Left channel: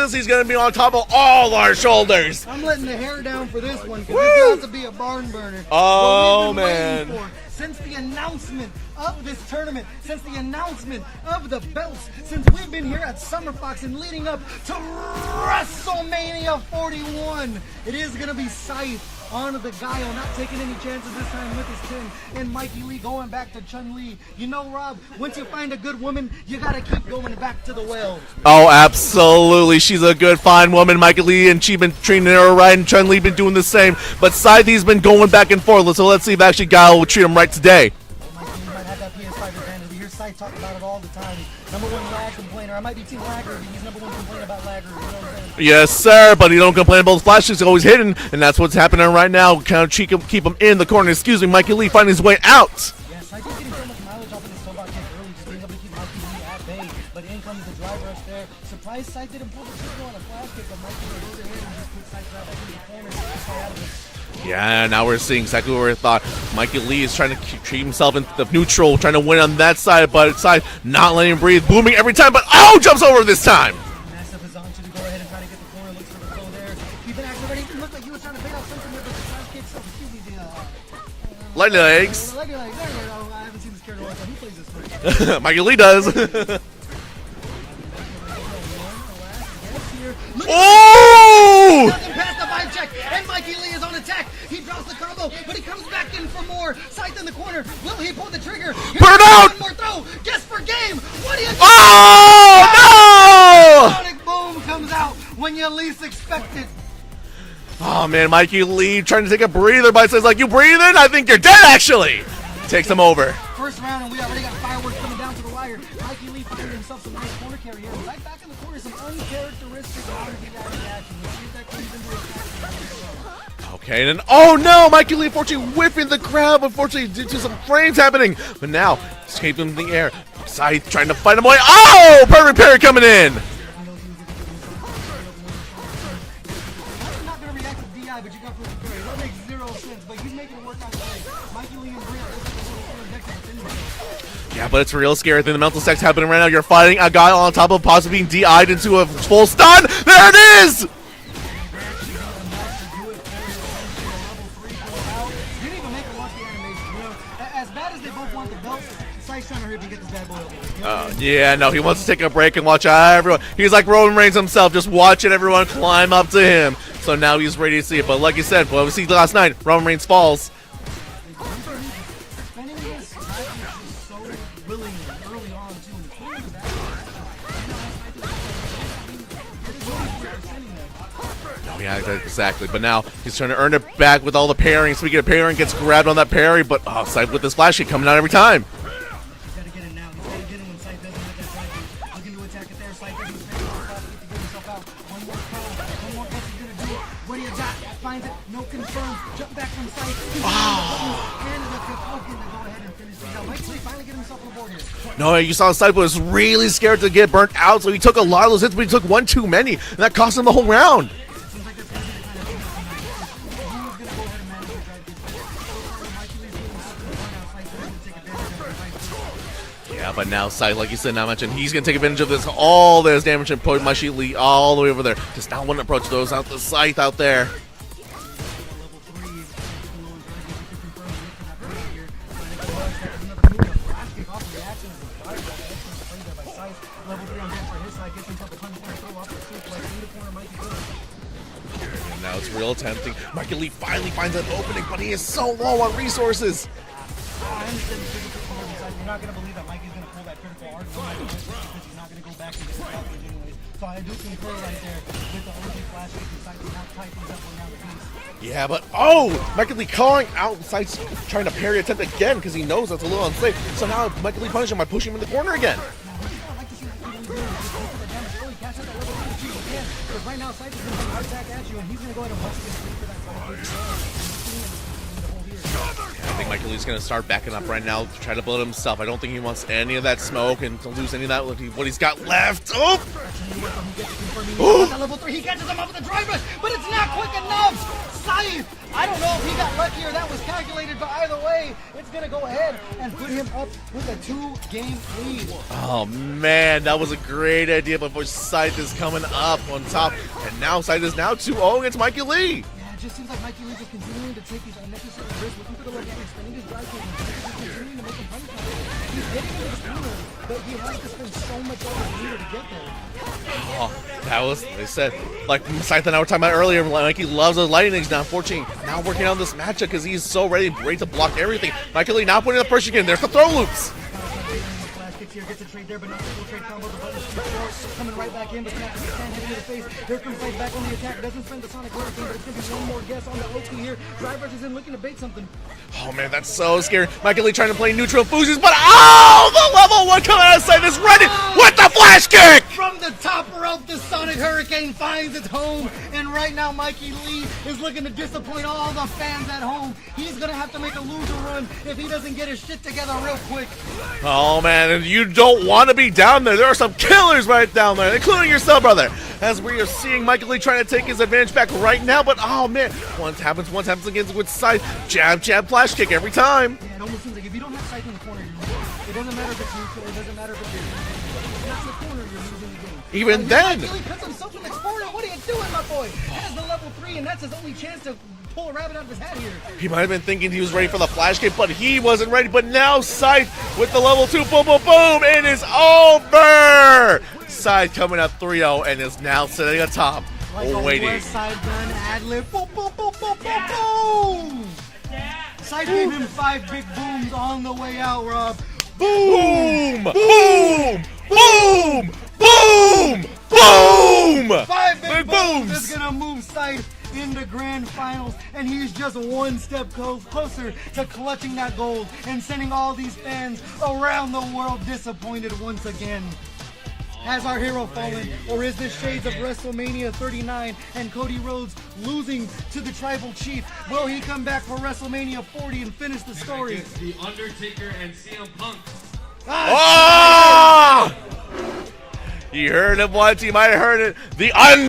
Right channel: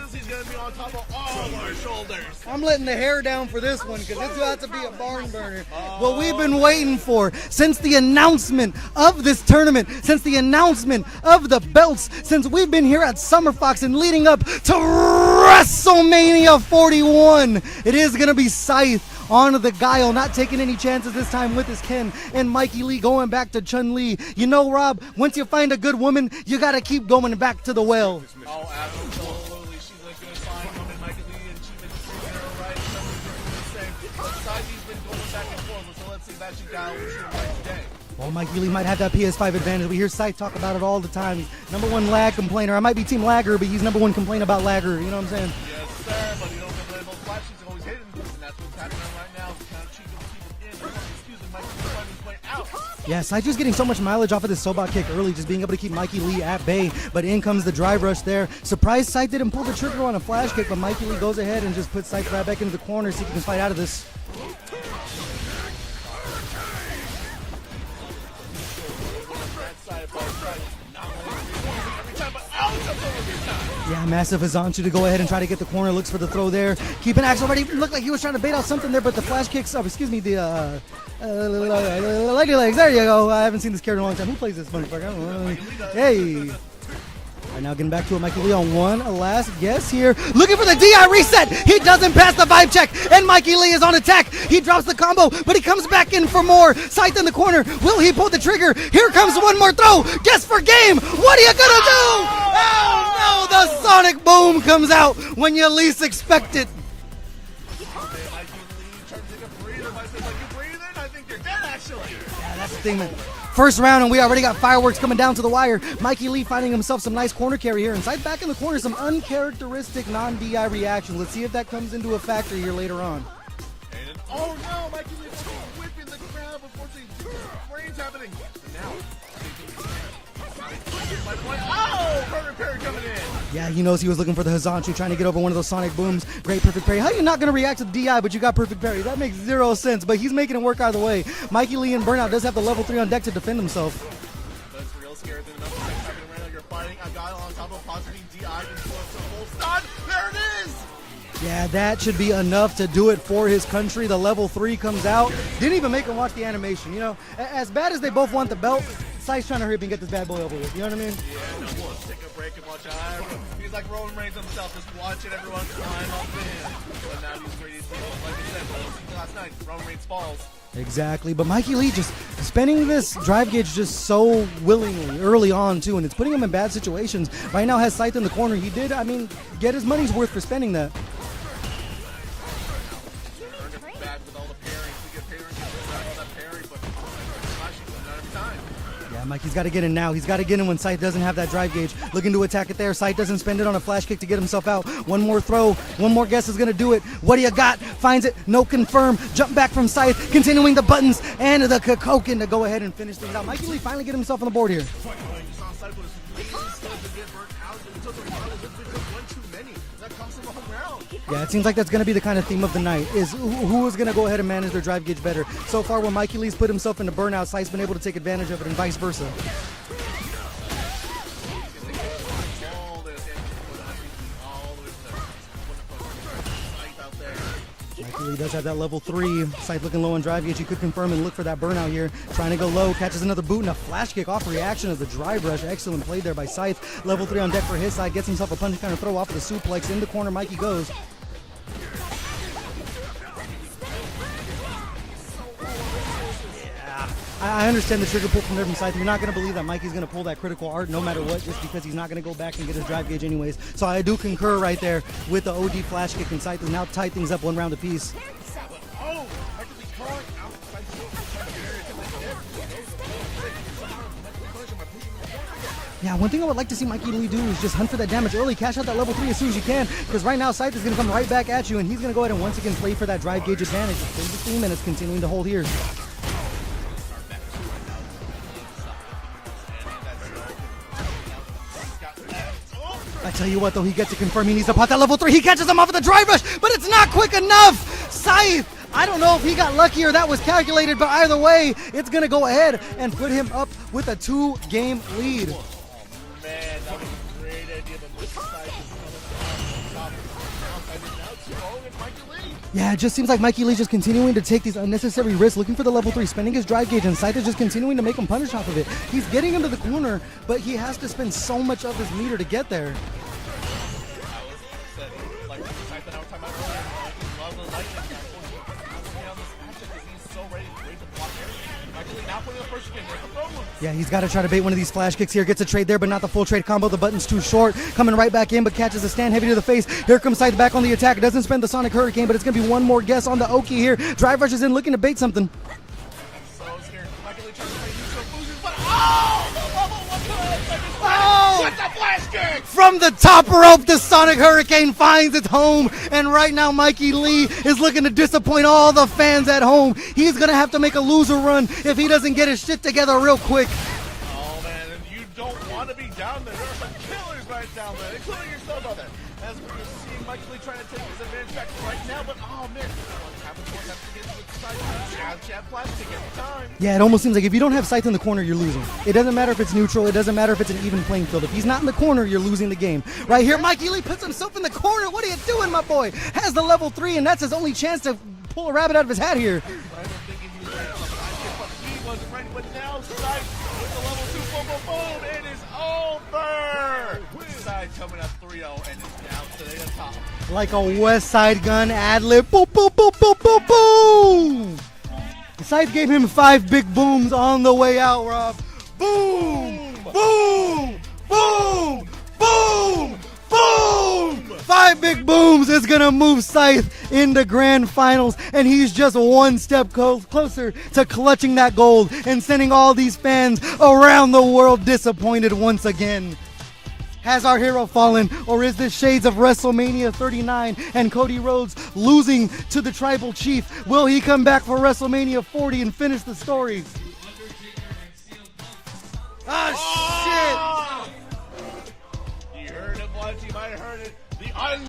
this, he's going to be on top of all our shoulders. I'm letting the hair down for this one because it's got to be a barn burner. Oh, what we've been waiting for since the announcement of this tournament, since the announcement of the belts, since we've been here at Summer Fox and leading up to WrestleMania 41. It is going to be Scythe on the Guile, not taking any chances this time with his kin, and Mikey Lee going back to Chun-Li. You know, Rob, once you find a good woman, you gotta keep going back to the well. Oh, absolutely. She's a good, fine woman, Mikey Lee, and she's been treating her right, and Chun-Li been doing the same. But Scythe's been going back and forth, so let's see if actually Guile will treat him right today. Oh, Mikey Lee might have that PS5 advantage. We hear Scythe talk about it all the time. He's #1 lag complainer. I might be Team Lagger, but he's #1 complaint about Lagger. You know what I'm saying? Yes, sir, but he don't complain about those flashes. He's always hidden, and that's what's happening right now. Kind of keep him in the corner. Excuse me, Mikey Lee finding his way out. Yeah, Scythe just getting so much mileage off of this Sobot kick early, just being able to keep Mikey Lee at bay. But in comes the drive rush there. Surprised Scythe didn't pull the trigger on a flash kick, but Mikey Lee goes ahead and just puts Scythe right back into the corner so he can fight out of this. Yeah, now we're seeing exactly what we thought. Mikey Lee is trying to keep himself in the neutral, trying to win on that side, but Scythe not letting him breathe, booming every time, but oh, jumps over this time. Yeah, massive Azanchu to go ahead and try to get the corner, looks for the throw there. Keeping action ready, looked like he was trying to bait out something there, but the flash kicks, Lightning legs. Lightning legs, there you go. I haven't seen this character in a long time. Who plays this motherfucker? Mikey Lee does. Hey. Now getting back to it, Mikey Lee on one last guess here. Looking for the DR reset. He doesn't pass the vibe check, and Mikey Lee is on attack. He drops the combo, but he comes back in for more. Scythe in the corner. Will he pull the trigger? Here comes one more throw. Guess for game. What do you got? Oh, no! The sonic boom comes out when you least expect it. Oh, man, Mikey Lee trying to take a breather, but says, like, you breathing? I think you're dead, actually. Takes him over. First round, and we already got fireworks coming down to the wire. Mikey Lee finding himself some nice corner carry here. And Scythe back in the corner, some uncharacteristic non-DI reaction. Let's see if that comes into a factor here later on. Okay, and then, oh no, Mikey Lee unfortunately whipping the crowd. Unfortunately, due to some frames happening. But now, escaping in the air. Scythe trying to fight him away. Oh, perfect parry coming in. Yeah, he knows he was looking for the Hazanchu, trying to get over one of those sonic booms. Great perfect parry. How are you not going to react to DI, but you got perfect parry? That makes zero sense, but he's making it work either way. Mikey Lee in Burnout does have the level 3 on deck to defend himself. Yeah, but it's real scary. The mental sex happening right now. You're fighting a guy on top of possibly being DI'd into a full stun. There it is. Yeah, that should be enough to do it for his country. The level 3 comes out. Didn't even make him watch the animation. You know, as bad as they both want the belt, Scythe's trying to hurry up and get this bad boy over with. You know what I mean? Yeah, no, he wants to take a break and watch everyone. He's like Roman Reigns himself, just watching everyone climb up to him. So now he's ready to see it. But like you said, what we see last night, Roman Reigns falls. Exactly, but Mikey Lee just spending this drive gauge just so willingly early on too, and it's putting him in bad situations. Right now has Scythe in the corner. He did, I mean, get his money's worth for spending that. Yeah, exactly. But now he's trying to earn it back with all the parrying. Speaking of parrying, gets grabbed on that parry, but Scythe with this flash kick coming out every time. Mikey's got to get in now. He's got to get in when Scythe doesn't have that drive gauge. Looking to attack it there. Scythe doesn't spend it on a flash kick to get himself out. One more throw. One more guess is going to do it. What do you got? Finds it. No confirm. Jump back from Scythe. Continuing the buttons and the Kokokin to go ahead and finish this out. Mikey Lee finally get himself on the board here. No, you saw Scythe was really scared to get burnt out, so he took a lot of those hits, but he took one too many, and that cost him the whole round. Yeah, it seems like that's going to be the kind of theme of the night, is who is going to go ahead and manage their drive gauge better. So far, when Mikey Lee's put himself into burnout, Scythe's been able to take advantage of it and vice versa. Yeah, but now Scythe, like you said, now mentioned, he's going to take advantage of this, all this damage and put Mikey Lee all the way over there. Just now one approach those out to Scythe out there. He does have that level 3. Scythe looking low on drive gauge. He could confirm and look for that burnout here. Trying to go low, catches another boot and a flash kick off reaction as the drive rush. Excellent play there by Scythe. Level 3 on deck for his side. Gets himself a punch kind of throw off the suplex. In the corner, Mikey goes. Now it's real tempting. Mikey Lee finally finds an opening, but he is so low on resources. I understand the trigger pull from Nerve Scythe. You're not going to believe that Mikey's going to pull that critical art no matter what, just because he's not going to go back and get his drive gauge anyways. So I do concur right there with the OD flash kick and Scythe. Now tie things up one round apiece. Yeah, but Mikey Lee calling out Scythe, trying to parry attempt again because he knows that's a little unsafe. So now Mikey Lee punishes him by pushing him in the corner again. Yeah, one thing I would like to see Mikey Lee do is just hunt for that damage early, cash out that level 3 as soon as you can, because right now Scythe is going to come right back at you, and he's going to go ahead and once again play for that drive gauge advantage. 15 minutes continuing to hold here. I think Mikey Lee's going to start backing up right now to try to build himself. I don't think he wants any of that smoke and to lose any of that what he's got left. Oh! I tell you what, though, he gets to confirm he needs to put that level 3. He catches him off of the drive rush, but it's not quick enough. Scythe I don't know if he got lucky or that was calculated, but either way, it's going to go ahead and put him up with a 2-game lead. Oh man, that was a great idea, but Scythe is coming up on top, and now Scythe is now 2-0 against Mikey Lee. Yeah, it just seems like Mikey Lee just continuing to take these unnecessary risks, looking for the level 3, spending his drive gauge, and Scythe is just continuing to make him punish off of it. He's getting into the corner, but he has to spend so much of his meter to get there. Oh, that was, they said, like Scythe and I were talking about earlier, Mikey loves those lightnings. Now unfortunately, now working on this matchup because he's so ready to block everything. Mikey Lee now putting the pressure again. There's the throw loops. Yeah, he's got to try to bait one of these flash kicks here. Gets a trade there, but not the full trade combo. The button's too short. Coming right back in, but catches a stand heavy to the face. Here comes Scythe back on the attack. Doesn't spend the Sonic Hurricane, but it's going to be one more guess on the Oki here. Drive rushes in, looking to bait something. Oh man, that's so scary. Mikey Lee trying to play neutral fusions, but oh, the level 1 coming out of Scythe is ready with the flash kick! From the top rope, the Sonic Hurricane finds its home, and right now Mikey Lee is looking to disappoint all the fans at home. He's going to have to make a loser run if he doesn't get his shit together real quick. Oh man, and you don't want to be down there. There are some killers right down there, including yourself, brother. As we are seeing Mikey Lee trying to take his advantage back right now, but oh man, once happens again with Scythe. Jab, flash kick every time. Yeah, it almost seems like if you don't have Scythe in the corner, you're losing. It doesn't matter if it's neutral, it doesn't matter if it's an even playing field. If he's not in the corner, you're losing the game. Even right here, then. Mikey Lee puts himself in the corner. What are you doing, my boy? Has the level 3, and that's his only chance to pull a rabbit out of his hat here. He might have been thinking he was ready for the flash kick, but he wasn't ready. But now Scythe with the level 2, boom, boom, boom, it is over! Scythe coming up 3-0 and is now sitting on top. Like a waiting. West Side Gun ad-lib. Boom, boom, boom, boom, boom, boom! Scythe gave him 5 big booms on the way out, Rob. Boom! Boom! Boom! Boom! Boom! 5 big booms is gonna move Scythe into grand finals, and he's just one step closer to clutching that gold and sending all these fans around the world disappointed once again. Has our hero fallen, or is this shades of WrestleMania 39 and Cody Rhodes losing to the Tribal Chief? Will he come back for WrestleMania 40 and finish the story? The Undertaker and CM Punk. Oh! You heard it once, you might have heard it. The